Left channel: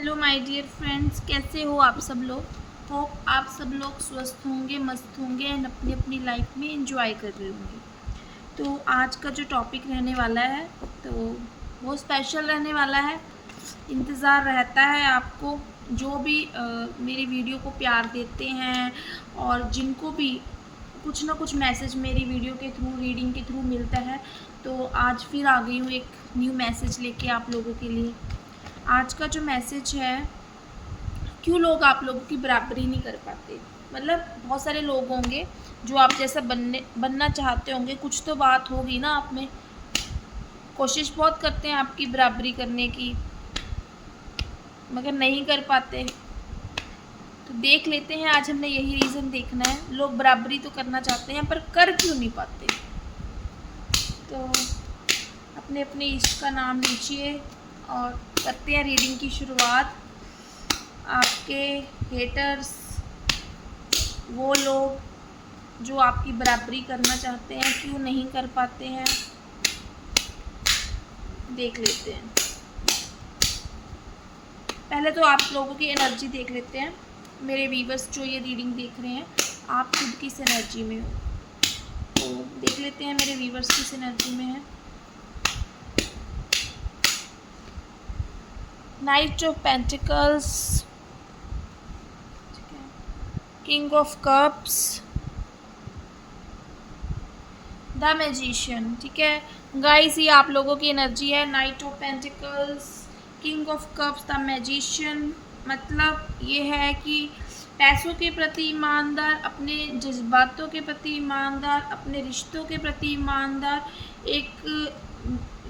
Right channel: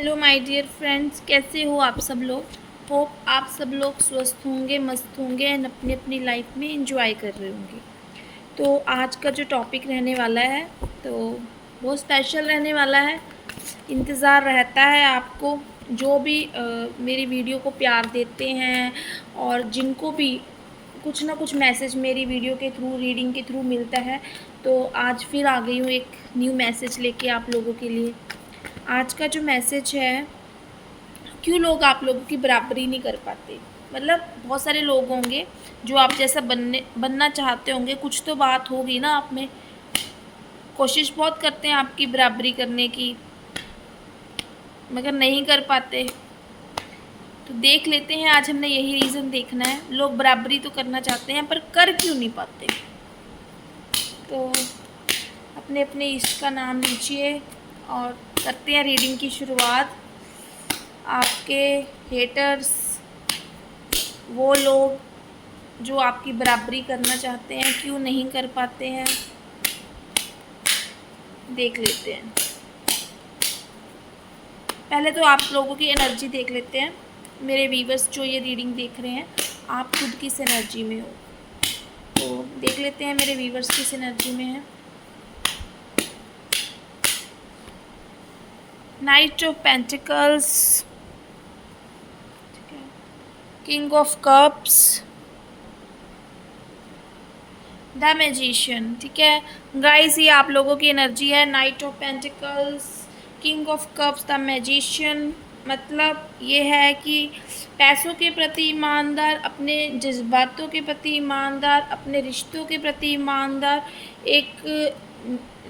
Hello my dear friends, कैसे हो आप सब लोग। होप आप सब लोग स्वस्थ होंगे, मस्त होंगे एंड अपनी अपनी लाइफ में एंजॉय कर रहे होंगे। तो आज का जो टॉपिक रहने वाला है तो बहुत स्पेशल रहने वाला है। इंतज़ार रहता है आपको, जो भी मेरी वीडियो को प्यार देते हैं और जिनको भी कुछ ना कुछ मैसेज मेरी वीडियो के थ्रू, रीडिंग के थ्रू मिलता है। तो आज फिर आ गई हूँ एक न्यू मैसेज लेके आप लोगों के लिए। आज का जो मैसेज है, क्यों लोग आप लोगों की बराबरी नहीं कर पाते। मतलब बहुत सारे लोग होंगे जो आप जैसा बनना चाहते होंगे, कुछ तो बात होगी ना आप में, कोशिश बहुत करते हैं आपकी बराबरी करने की, मगर नहीं कर पाते। तो देख लेते हैं, आज हमने यही रीज़न देखना है। लोग बराबरी तो करना चाहते हैं पर कर क्यों नहीं पाते। तो अपने अपने इष्ट का नाम लीजिए और करते हैं रीडिंग की शुरुआत। आपके हेटर्स, वो लोग जो आपकी बराबरी करना चाहते हैं, क्यों नहीं कर पाते हैं, देख लेते हैं। पहले तो आप लोगों की एनर्जी देख लेते हैं। मेरे व्यूवर्स जो ये रीडिंग देख रहे हैं, आप खुद किस एनर्जी में हो, तो देख लेते हैं मेरे व्यूवर्स किस एनर्जी में है। Night of pentacles, king of cups, the magician. ठीक है गाइस, ये आप लोगों की एनर्जी है। Night of pentacles, king of cups, the magician. मतलब ये है कि पैसों के प्रति ईमानदार, अपने जज्बातों के प्रति ईमानदार, अपने रिश्तों के प्रति ईमानदार, एक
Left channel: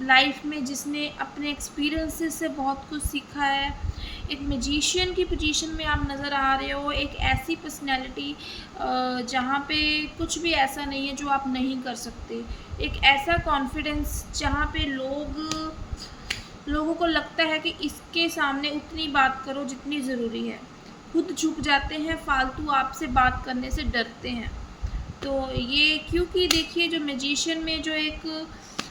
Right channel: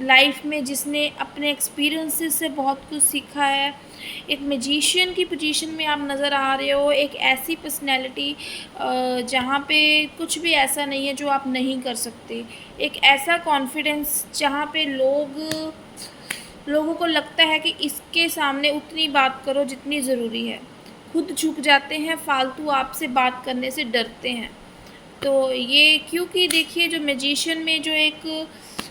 लाइफ में जिसने अपने एक्सपीरियंसेस से बहुत कुछ सीखा है। एक मैजिशियन की पोजीशन में आप नज़र आ रहे हो। एक ऐसी पर्सनैलिटी जहाँ पे कुछ भी ऐसा नहीं है जो आप नहीं कर सकते। एक ऐसा कॉन्फिडेंस जहाँ पे लोगों को लगता है कि इसके सामने उतनी बात करो जितनी ज़रूरी है। खुद झुक जाते हैं, फालतू आपसे बात करने से डरते हैं। तो ये क्योंकि देखिए, जो मैजिशियन में जो एक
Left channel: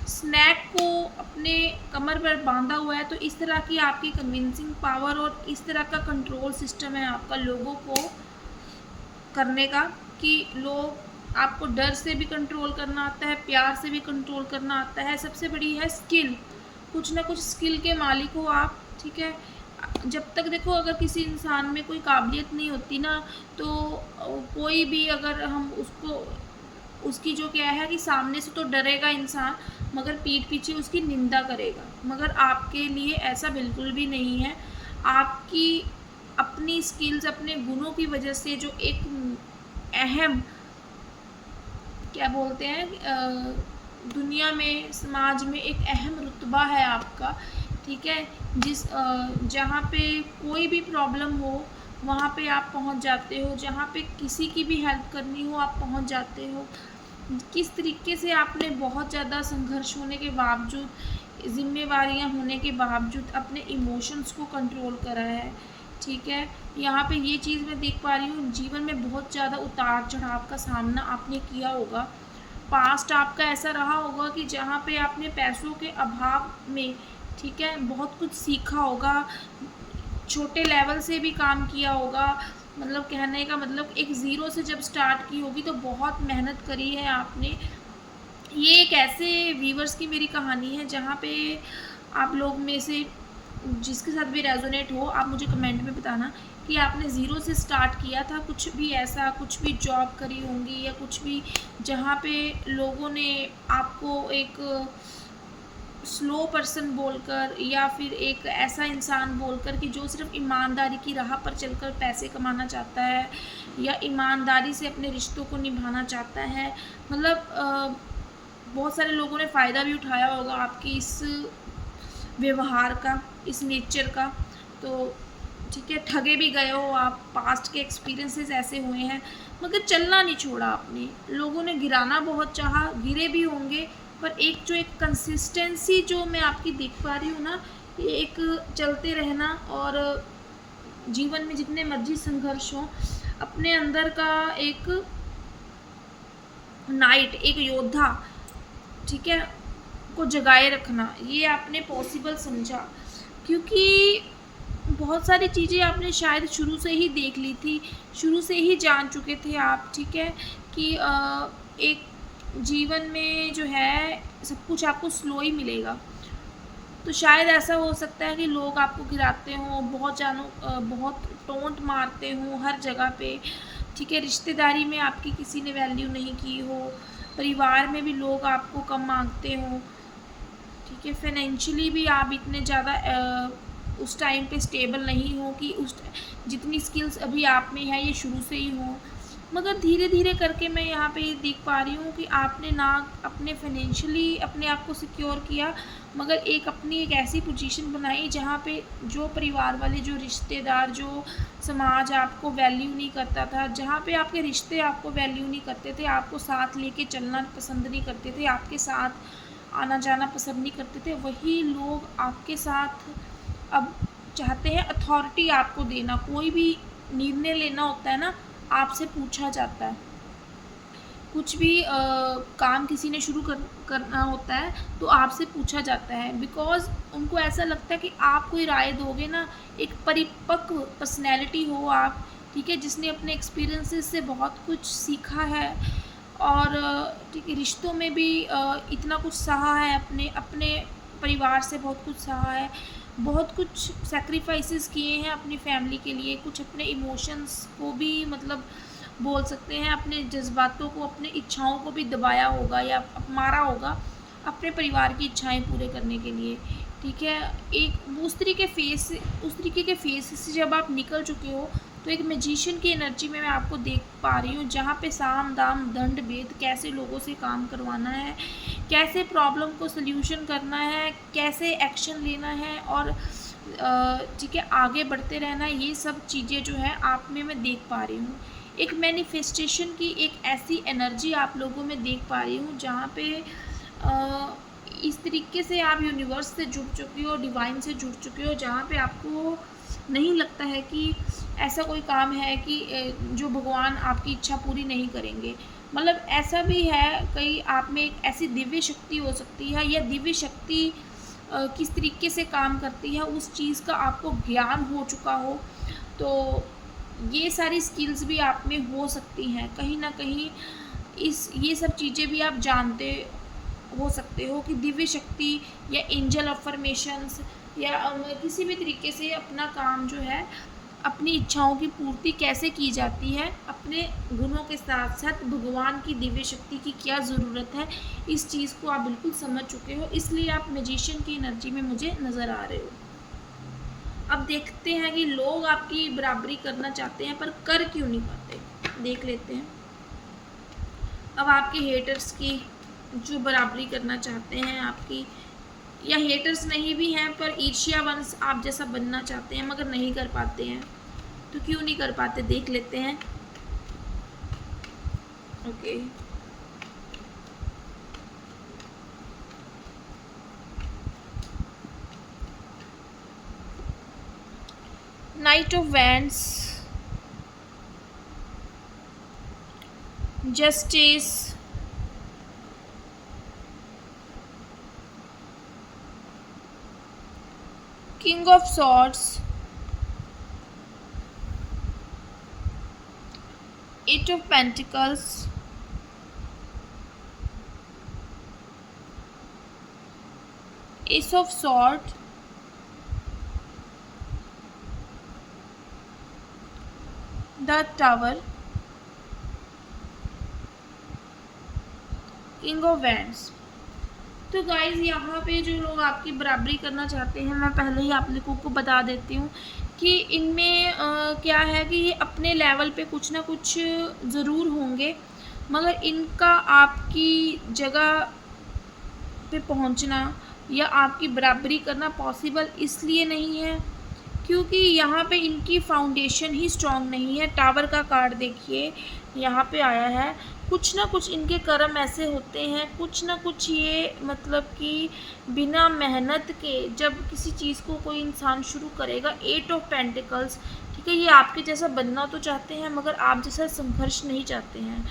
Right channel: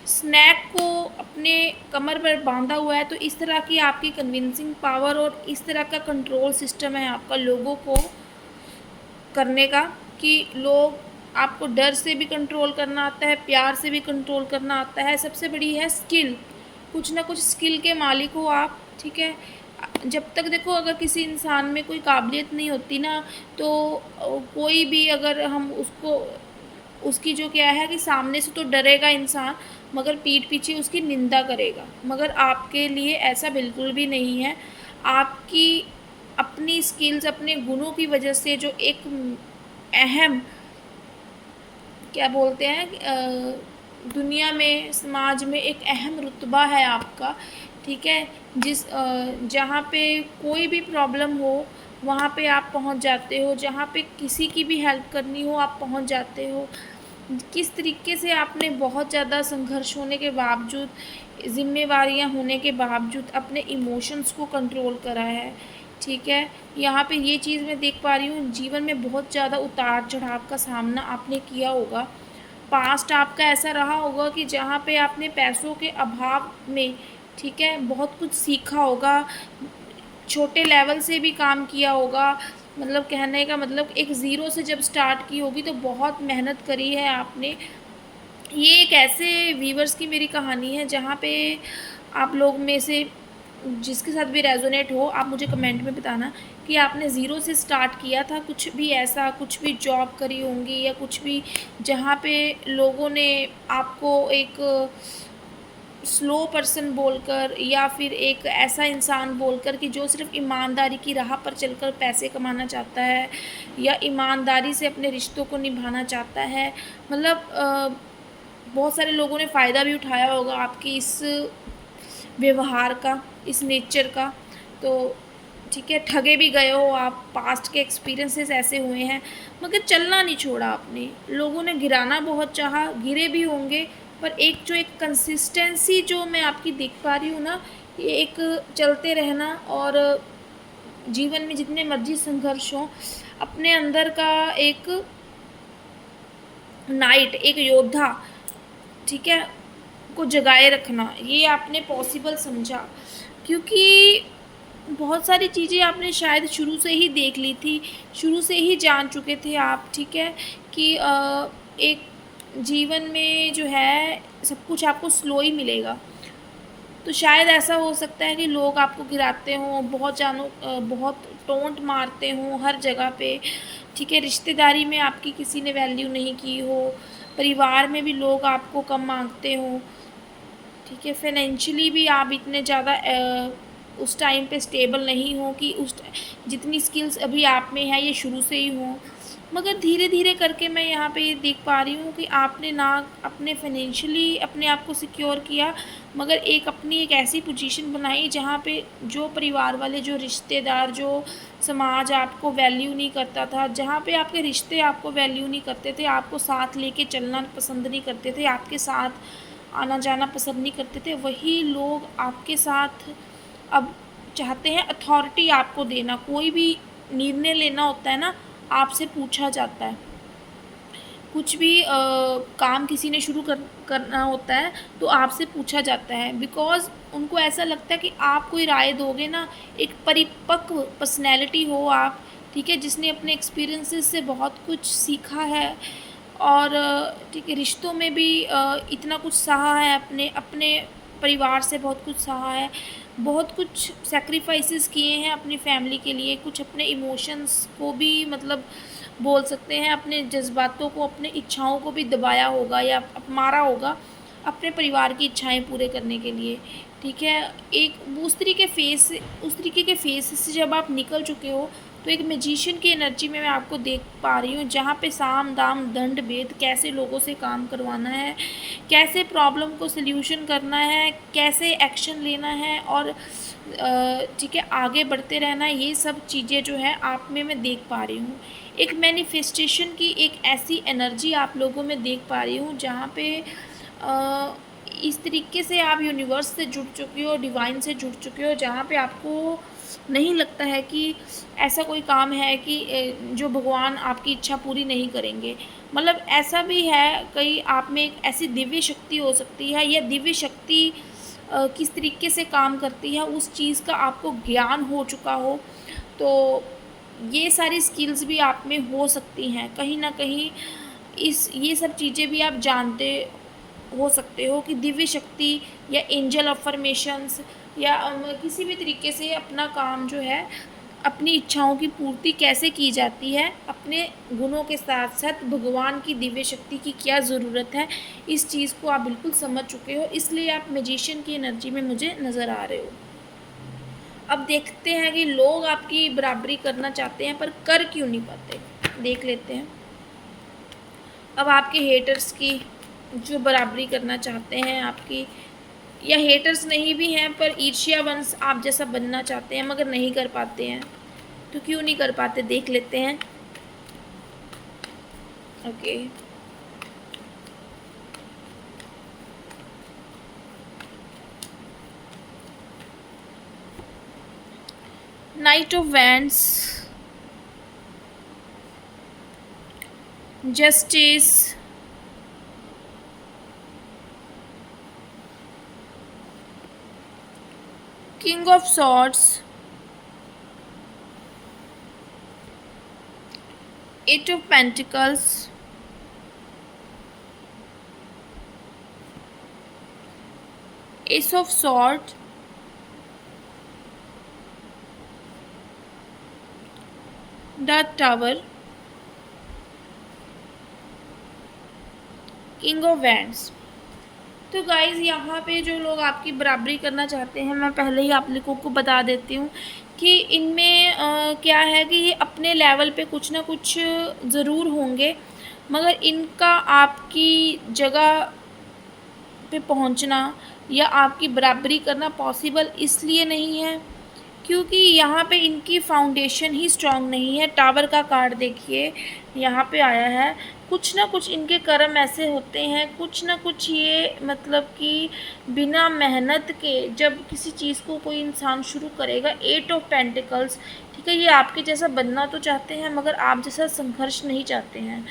स्नैक को अपने कमर पर बांधा हुआ है, तो इस तरह की आपकी कन्विंसिंग पावर और इस तरह का कंट्रोल सिस्टम है आपका लोगों को करने का, कि लोग आपको डर से भी कंट्रोल करना आता है, प्यार से भी कंट्रोल करना आता है। सबसे बड़ी है स्किल, कुछ ना कुछ स्किल के मालिक हो आप। ठीक है, जब तक देखो, अगर किसी इंसान में कोई काबिलियत नहीं होती ना, तो कोई भी अगर हम उसको, उसकी जो क्या है कि सामने से तो डरेगा इंसान, मगर पीठ पीछे उसकी निंदा करेगा। मगर आपके लिए ऐसा बिल्कुल भी नहीं है। आपकी अपनी स्किल्स, अपने गुणों की वजह से जो एक अहम, क्या बोलते हैं, दुनिया में, समाज में एक अहम रुतबा है आपका। ठीक है, जहाँ पे कोई भी प्रॉब्लम हो वहाँ पे आप पहुँच जाते हो, जहाँ पे किसी की भी हेल्प करनी हो आप पहुँच जाते हो। किस तरीके से आपने बहुत ज़्यादा संघर्ष होने के बावजूद, ज़िम्मेवारियाँ होने के बावजूद अपने इमोशंस को कंट्रोल करा है। ठीक है, यहाँ पे ये चीज़ मैं देख पा रही हूँ, जीवन में बहुत ज़्यादा उतार चढ़ाव का सामना आपने किया होगा। पास्ट आपका ऐसा रहा होगा कि जहाँ पे आपने पैसों के अभाव में, ठीक है, बहुत कुछ सीखा होगा, छोटे लेवल से भी काम किया होगा। मतलब कहने का मतलब, एक ज़ीरो से जब स्टार्ट की होगी तो बहुत मेहनत करी है आपने। ये एक ऐसे वीवर्स की मेरी कहानी है जहाँ पे आप लोग में से जिसके साथ भी रेजोनेट हो, आप मुझे कमेंट में बताना कि आपने ज़ीरो से स्टार्ट किया था। कुछ भी ऐसा, कुछ भी जॉब करी होंगी या कुछ भी, जहाँ पे लोगों ने आपको एक स्लो पर्सन बोलकर या फिर एक ऐसा इंसान बोलकर कि जो सिर्फ ईमानदारी की राह पर चलकर पैसे कमाना चाहता है या ईमानदारी से अपने रिश्तों को निभाना चाहता है। मतलब बहुत सारे लोगों ने फ़ायदा भी उठाया होगा आपकी इस व्यवहार का, इस नेचर का। तो ठीक है, ठगे भी गए हो आप, पास्ट के एक्सपीरियंसेस ऐसे हुए हैं, मगर चलना नहीं छोड़ा आपने। लोगों ने गिराना बहुत चाहा, गिरे भी होंगे, पर एक जो एक कंसिस्टेंसी जो मैं आपकी देख पा रही हूँ ना, ये एक चलते रहना, और जीवन में जितने मर्जी संघर्ष हों, अपने अंदर का एक नाइट, एक योद्धा, ठीक है, को जगाए रखना, ये आपने पॉसिबल समझा। क्योंकि बहुत सारी चीज़ें आपने शायद शुरू से ही देख ली थी, शुरू से ही जान चुके थे आप, ठीक है, कि एक जीवन में जो है सब कुछ आपको स्लो ही मिलेगा। तो शायद ऐसा हो सकता है कि लोग आपको गिराते हों, बहुत टोंट मारते हों हर जगह पे, ठीक है, रिश्तेदारी में आपकी किसी ने वैल्यू नहीं की हो, परिवार में भी लोग आपको कम मांगते हों, ठीक है, फाइनेंशियली भी आप इतने ज़्यादा उस टाइम पे स्टेबल नहीं हो कि जितनी स्किल्स अभी आप में है ये शुरू से ही हों। मगर धीरे धीरे करके मैं यहाँ पे ये देख पा रही हूँ कि आपने ना अपने फाइनेंशियली अपने आप को सिक्योर किया, मगर अपनी एक ऐसी पोजीशन बनाई जहाँ पे जो परिवार वाले, जो रिश्तेदार, जो समाज आपको वैल्यू नहीं करता था, जहाँ पे आपके रिश्ते आपको वैल्यू नहीं करते थे, आपको साथ लेके चलना पसंद नहीं करते थे, आपके साथ आना जाना पसंद नहीं करते थे, वही लोग आपके साथ अब चाहते हैं अथॉरिटी आपको देना। कोई भी निर्णय लेना होता है ना, आपसे पूछा जाता है। कुछ भी काम किसी ने शुरू करना होता है तो आपसे पूछा जाता है, बिकॉज़ उनको ऐसा लगता है कि आप कोई राय दोगे ना, एक परिपक्व पर्सनैलिटी हो आप, ठीक है, जिसने अपने एक्सपीरियंसेस से बहुत कुछ सीखा है और ठीक है, रिश्तों में भी इतना कुछ सहा है, अपने अपने परिवार से बहुत कुछ सहा है, बहुत कुछ सैक्रिफाइसेस किए हैं अपनी फैमिली के लिए, कुछ अपने इमोशंस को भी मतलब बोल सकते हैं, अपने जज्बातों को, अपनी इच्छाओं को भी दबाया होगा या मारा होगा अपने परिवार की इच्छाएं पूरे करने के लिए, ठीक है। एक उस तरीके के फेस से जब आप निकल चुके हो तो एक मैजिशियन की एनर्जी में मैं आपको देख पा रही हूँ, जहाँ पे साम दाम दंड भेद, कैसे लोगों से काम करवाना है, कैसे प्रॉब्लम को सल्यूशन करना है, कैसे एक्शन लेना है और ठीक है आगे बढ़ते रहना है, ये सब चीज़ें जो है आप में मैं देख पा रही हूँ। एक मैनिफेस्टेशन की एक ऐसी एनर्जी आप लोगों में देख पा रही हूँ, जहाँ पे इस तरीके से आप यूनिवर्स से जुड़ चुके हो, डिवाइन से जुड़ चुके हो, जहाँ पे आपको नहीं लगता है कि ऐसा कोई काम है कि जो भगवान आपकी इच्छा पूरी नहीं करेंगे। मतलब ऐसा भी है, कहीं आप में एक ऐसी दिव्य शक्ति हो सकती है, या दिव्य शक्ति किस तरीके से काम करती है उस चीज़ का आपको ज्ञान हो चुका हो, तो ये सारी स्किल्स भी आप में हो सकती हैं। कहीं न कहीं ये सब चीज़ें भी आप जानते हो सकते हो कि दिव्य शक्ति या एंजल अफर्मेशंस या किसी भी तरीके से अपना काम जो है, अपनी इच्छाओं की पूर्ति कैसे की जाती है, अपने गुणों के साथ साथ भगवान की दिव्य शक्ति की क्या ज़रूरत है, इस चीज़ को आप बिल्कुल समझ चुके हो, इसलिए आप मैजिशियन की एनर्जी में मुझे नज़र आ रहे हो। अब देखते हैं कि लोग आपकी बराबरी करना चाहते हैं पर कर क्यों नहीं पाते, देख लेते हैं। अब आपके हेटर्स की जो बराबरी करना चाहते हैं आपकी, या हेटर्स नहीं भी हैं पर ईर्ष्यावंश आप जैसा बनना चाहते हैं मगर नहीं कर पाते हैं, तो क्यों नहीं कर पाते देख लेते हैं। Okay, knight of wands, justice, king of swords, eight of pentacles, ace of sword, the tower, king of wands. तो गाइज़ यहाँ पे जो लोग आपकी बराबरी करना चाहते हैं, मैं पहले ही आप लोगों को बता देती हूँ कि इनमें क्या है कि ये अपने लेवल पे कुछ ना कुछ ज़रूर होंगे, मगर इनका आपकी जगह पे पहुँचना या आपकी बराबरी करना पॉसिबल इसलिए नहीं है क्योंकि यहाँ पे इनकी फाउंडेशन ही स्ट्रांग नहीं है। टावर का कार्ड देखिए यहाँ पे आया है, कुछ ना कुछ इनके कर्म ऐसे होते हैं, कुछ ना कुछ ये मतलब कि बिना मेहनत के जब किसी चीज़ को कोई इंसान शुरू करेगा, एट ऑफ पेंटिकल्स, ठीक है, ये आपके जैसा बनना तो चाहते हैं मगर आप जैसा संघर्ष नहीं चाहते हैं।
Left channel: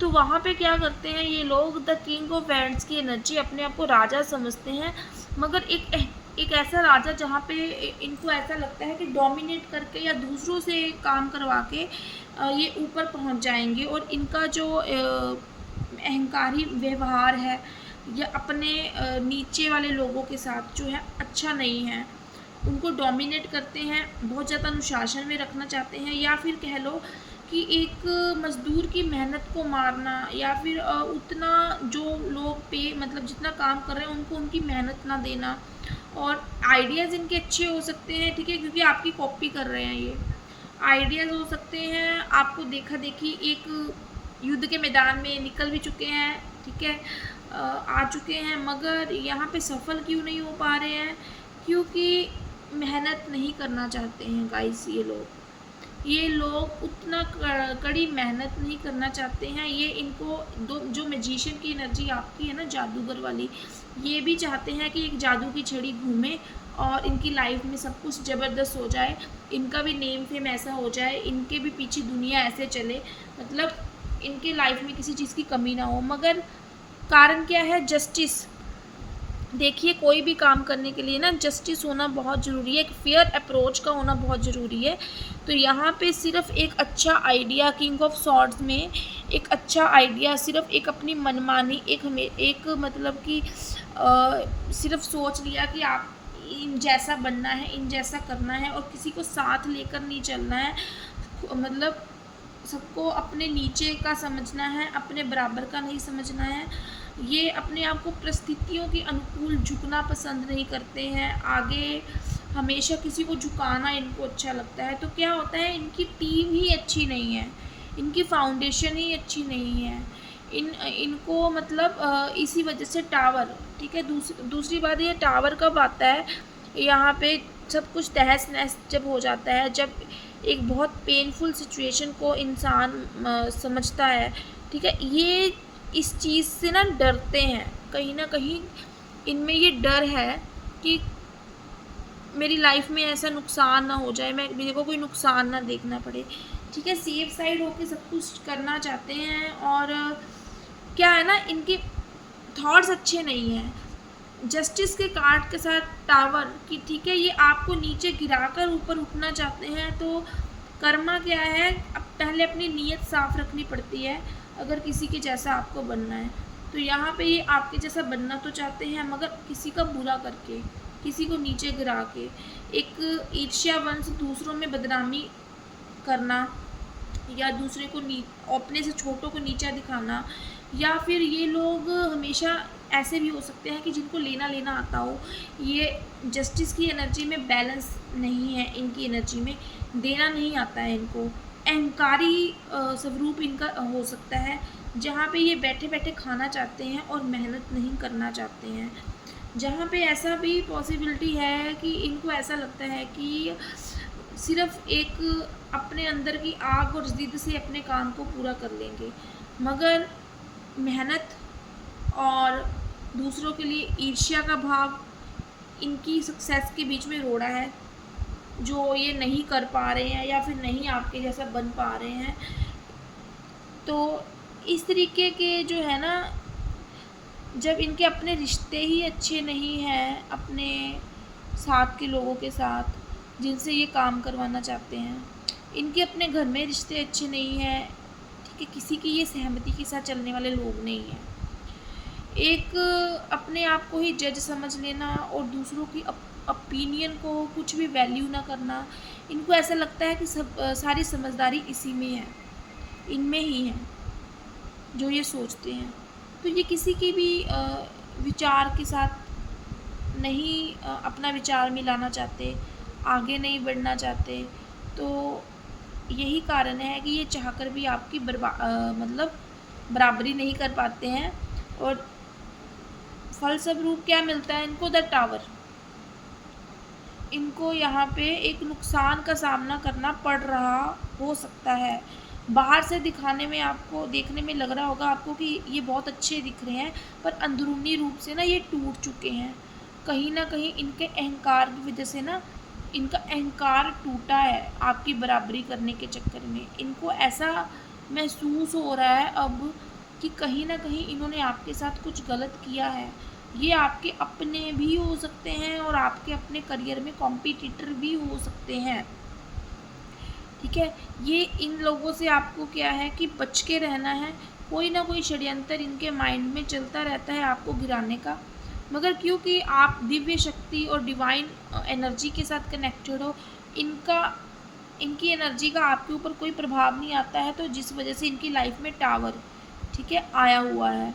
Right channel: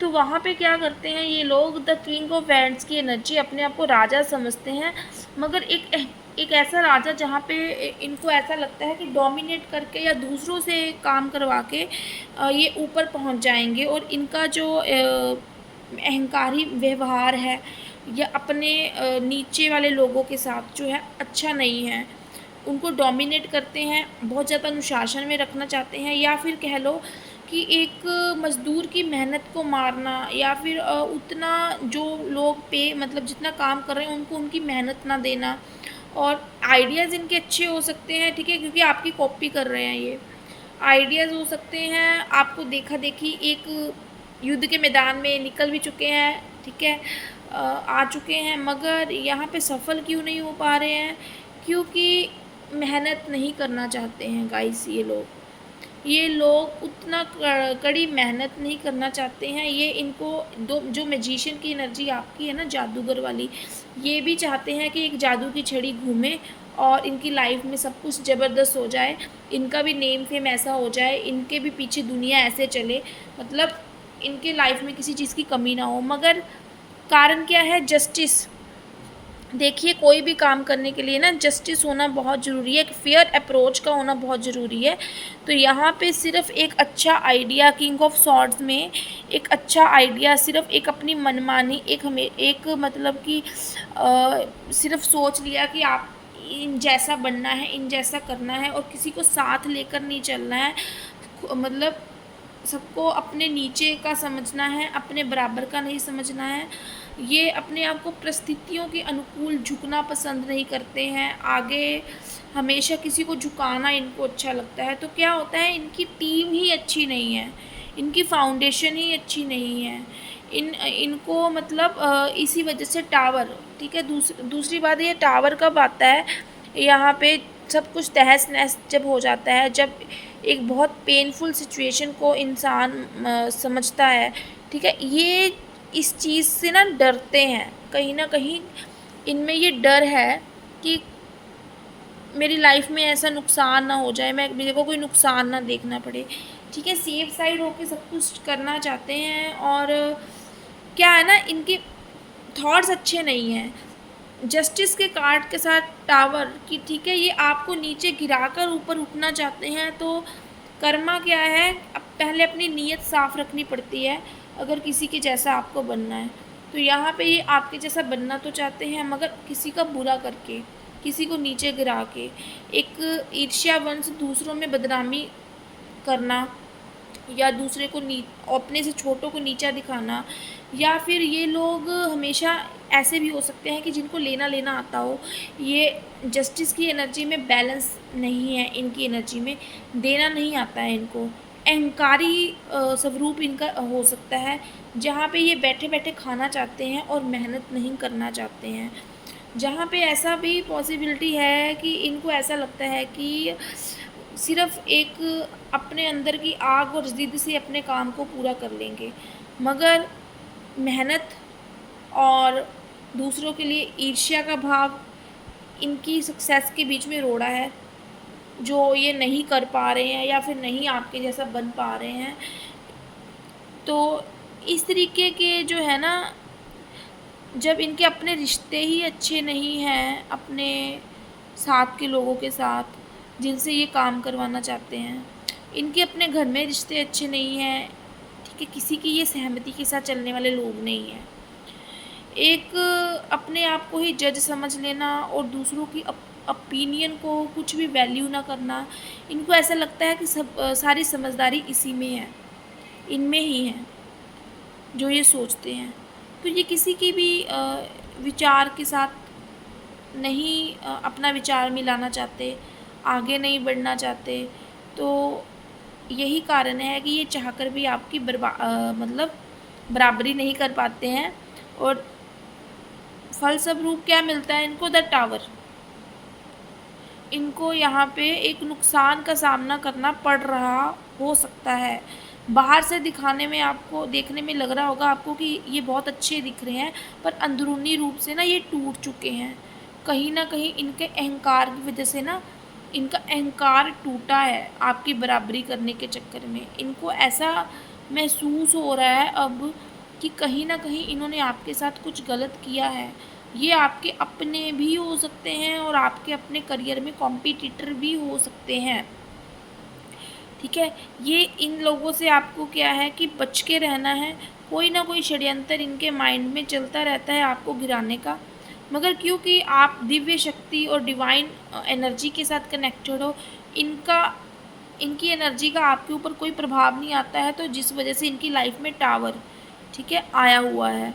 तो वहाँ पे क्या करते हैं ये लोग, द किंग ऑफ वैंड्स की एनर्जी, अपने आप को राजा समझते हैं मगर एक एक ऐसा राजा जहाँ पे इनको ऐसा लगता है कि डोमिनेट करके या दूसरों से काम करवा के ये ऊपर पहुँच जाएंगे, और इनका जो अहंकारी व्यवहार है या अपने नीचे वाले लोगों के साथ जो है अच्छा नहीं है। उनको डोमिनेट करते हैं, बहुत ज़्यादा अनुशासन में रखना चाहते हैं, या फिर कह लो कि एक मज़दूर की मेहनत को मारना, या फिर उतना जो लोग पे मतलब जितना काम कर रहे हैं उनको उनकी मेहनत ना देना। और आइडियाज़ इनके अच्छे हो सकते हैं, ठीक है, क्योंकि आपकी कॉपी कर रहे हैं ये। आइडियाज़ हो सकते हैं, आपको देखा देखी एक युद्ध के मैदान में निकल भी चुके हैं, ठीक है, आ चुके हैं, मगर यहाँ पे सफल क्यों नहीं हो पा रहे हैं? क्योंकि मेहनत नहीं करना चाहते हैं गाइस। ये लोग उतना कड़ी मेहनत नहीं करना चाहते हैं। ये इनको दो जो मैजिशियन की एनर्जी आपकी है ना, जादूगर वाली, ये भी चाहते हैं कि एक जादू की छड़ी घूमे और इनकी लाइफ में सब कुछ ज़बरदस्त हो जाए, इनका भी नेम फेम ऐसा हो जाए, इनके भी पीछे दुनिया ऐसे चले, मतलब इनके लाइफ में किसी चीज़ की कमी ना हो। मगर कारण क्या है? जस्टिस। देखिए, कोई भी काम करने के लिए ना जस्टिस होना बहुत ज़रूरी है, एक फेयर अप्रोच का होना बहुत ज़रूरी है। तो यहाँ पे सिर्फ एक अच्छा आइडिया, किंग ऑफ सॉर्ड्स में एक अच्छा आइडिया, सिर्फ एक अपनी मनमानी, एक मतलब कि सिर्फ सोच लिया कि आप इन जैसा बनना है, इन जैसा करना है, और किसी को साथ लेकर नहीं चलना है। मतलब सबको अपने नीचे का समझना है, अपने बराबर का नहीं समझना है। ये अपने आप को परिस्थितियों के अनुकूल झुकना पसंद नहीं करते हैं, आगे हमेशा किसी को झुकाना इनको अच्छा लगता है। तो क्या होता है, इनकी टीम ही अच्छी नहीं है, इनकी फाउंडेशन ही अच्छी नहीं है। इनको मतलब इसी वजह से टावर, ठीक है। दूसरी बात, ये टावर कब आता है? यहाँ पे सब कुछ तहस नहस जब हो जाता है, जब एक बहुत पेनफुल सिचुएशन को इंसान समझता है, ठीक है। ये इस चीज़ से ना डरते हैं, कहीं ना कहीं इनमें ये डर है कि मेरी लाइफ में ऐसा नुकसान ना हो जाए, मेरे को कोई नुकसान ना देखना पड़े, ठीक है। सेफ साइड होके सब कुछ करना चाहते हैं। और क्या है ना, इनके थॉट्स अच्छे नहीं हैं। जस्टिस के कार्ड के साथ टावर की, ठीक है, ये आपको नीचे गिराकर ऊपर उठना चाहते हैं। तो कर्मा क्या है, अब पहले अपनी नीयत साफ़ रखनी पड़ती है अगर किसी के जैसा आपको बनना है। तो यहाँ पे ये आपके जैसा बनना तो चाहते हैं, मगर किसी का बुरा करके, किसी को नीचे गिरा के, एक ईर्ष्यावंश, दूसरों में बदनामी करना, या दूसरे को अपने से छोटों को नीचा दिखाना। या फिर ये लोग हमेशा ऐसे भी हो सकते हैं कि जिनको लेना लेना आता हो, ये जस्टिस की एनर्जी में बैलेंस नहीं है, इनकी एनर्जी में देना नहीं आता है इनको। अहंकारी स्वरूप इनका हो सकता है, जहाँ पे ये बैठे बैठे खाना चाहते हैं और मेहनत नहीं करना चाहते हैं। जहाँ पे ऐसा भी पॉसिबिलिटी है कि इनको ऐसा लगता है कि सिर्फ एक अपने अंदर की आग और ज़िद से अपने काम को पूरा कर लेंगे, मगर मेहनत और दूसरों के लिए ईर्ष्या का भाव इनकी सक्सेस के बीच में रोड़ा है, जो ये नहीं कर पा रहे हैं या फिर नहीं आपके जैसा बन पा रहे हैं। तो इस तरीके के जो है ना, जब इनके अपने रिश्ते ही अच्छे नहीं हैं अपने साथ के लोगों के साथ जिनसे ये काम करवाना चाहते हैं, इनके अपने घर में रिश्ते अच्छे नहीं हैं, ठीक है, किसी की ये सहमति के साथ चलने वाले लोग नहीं हैं। एक अपने आप को ही जज समझ लेना और दूसरों की ओपिनियन को कुछ भी वैल्यू ना करना, इनको ऐसा लगता है कि सारी समझदारी इसी में है, इनमें ही है जो ये सोचते हैं। तो ये किसी की भी विचार के साथ नहीं अपना विचार मिलाना चाहते, आगे नहीं बढ़ना चाहते। तो यही कारण है कि ये चाहकर भी आपकी मतलब बराबरी नहीं कर पाते हैं। और फलस्वरूप क्या मिलता है इनको? The tower. इनको यहाँ पे एक नुकसान का सामना करना पड़ रहा हो सकता है। बाहर से दिखाने में आपको, देखने में लग रहा होगा आपको कि ये बहुत अच्छे दिख रहे हैं, पर अंदरूनी रूप से ना ये टूट चुके हैं। कहीं ना कहीं इनके अहंकार की वजह से ना, इनका अहंकार टूटा है आपकी बराबरी करने के चक्कर में। इनको ऐसा महसूस हो रहा है अब कि कहीं ना कहीं इन्होंने आपके साथ कुछ गलत किया है, ये आपके अपने भी हो सकते हैं और आपके अपने करियर में कॉम्पिटिटर भी हो सकते हैं। ठीक है, ये इन लोगों से आपको क्या है कि बच के रहना है। कोई ना कोई षड्यंतर इनके माइंड में चलता रहता है आपको गिराने का, मगर क्योंकि आप दिव्य शक्ति और डिवाइन एनर्जी के साथ कनेक्टेड हो, इनका इनकी एनर्जी का आपके ऊपर कोई प्रभाव नहीं आता है, तो जिस वजह से इनकी लाइफ में टावर, ठीक है, आया हुआ है।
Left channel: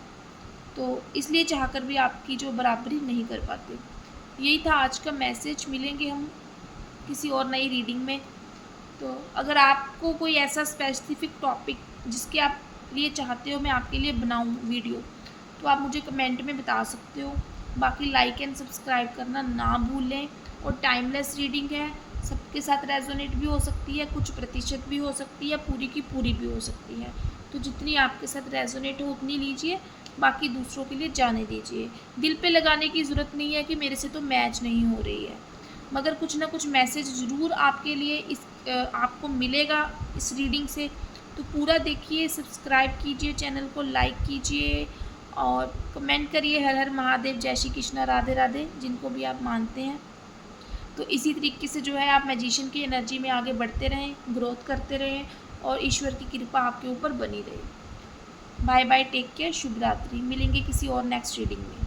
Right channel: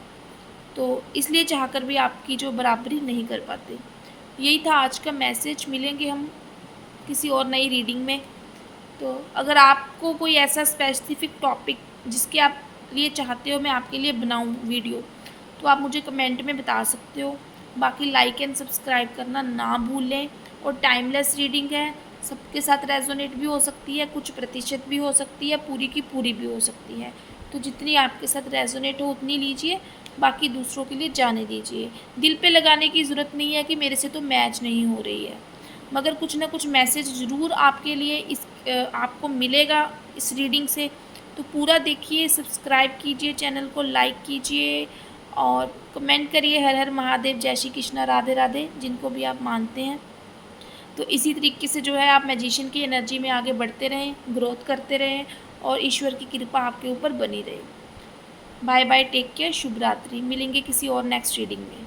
तो इसलिए चाहकर भी आपकी जो बराबरी नहीं कर पाते। यही था आज का मैसेज। मिलेंगे हम किसी और नई रीडिंग में। तो अगर आपको कोई ऐसा स्पेसिफिक टॉपिक जिसके आप लिए चाहते हो मैं आपके लिए बनाऊं वीडियो, तो आप मुझे कमेंट में बता सकते हो। बाकी लाइक एंड सब्सक्राइब करना ना भूलें। और टाइमलेस रीडिंग है, सबके साथ रेजोनेट भी हो सकती है, कुछ प्रतिशत भी हो सकती है, पूरी की पूरी भी हो सकती है। तो जितनी आपके साथ रेजोनेट हो उतनी लीजिए, बाकी दूसरों के लिए जाने दीजिए। दिल पे लगाने की ज़रूरत नहीं है कि मेरे से तो मैच नहीं हो रही है, मगर कुछ ना कुछ मैसेज ज़रूर आपके लिए आपको मिलेगा इस रीडिंग से। तो पूरा देखिए, सब्सक्राइब कीजिए, चैनल को लाइक कीजिए और कमेंट करिए हर हर महादेव, जय श्री कृष्णा, राधे राधे, जिनको भी आप मानते हैं। तो इसी तरीके से जो है आप मैजिशियन की एनर्जी में आगे बढ़ते रहें, ग्रोथ करते रहें और ईश्वर की कृपा आपके ऊपर बनी रहे। बाय बाय, टेक केयर, शुभ रात्रि। मिलेंगे किसी और नेक्स्ट रीडिंग में।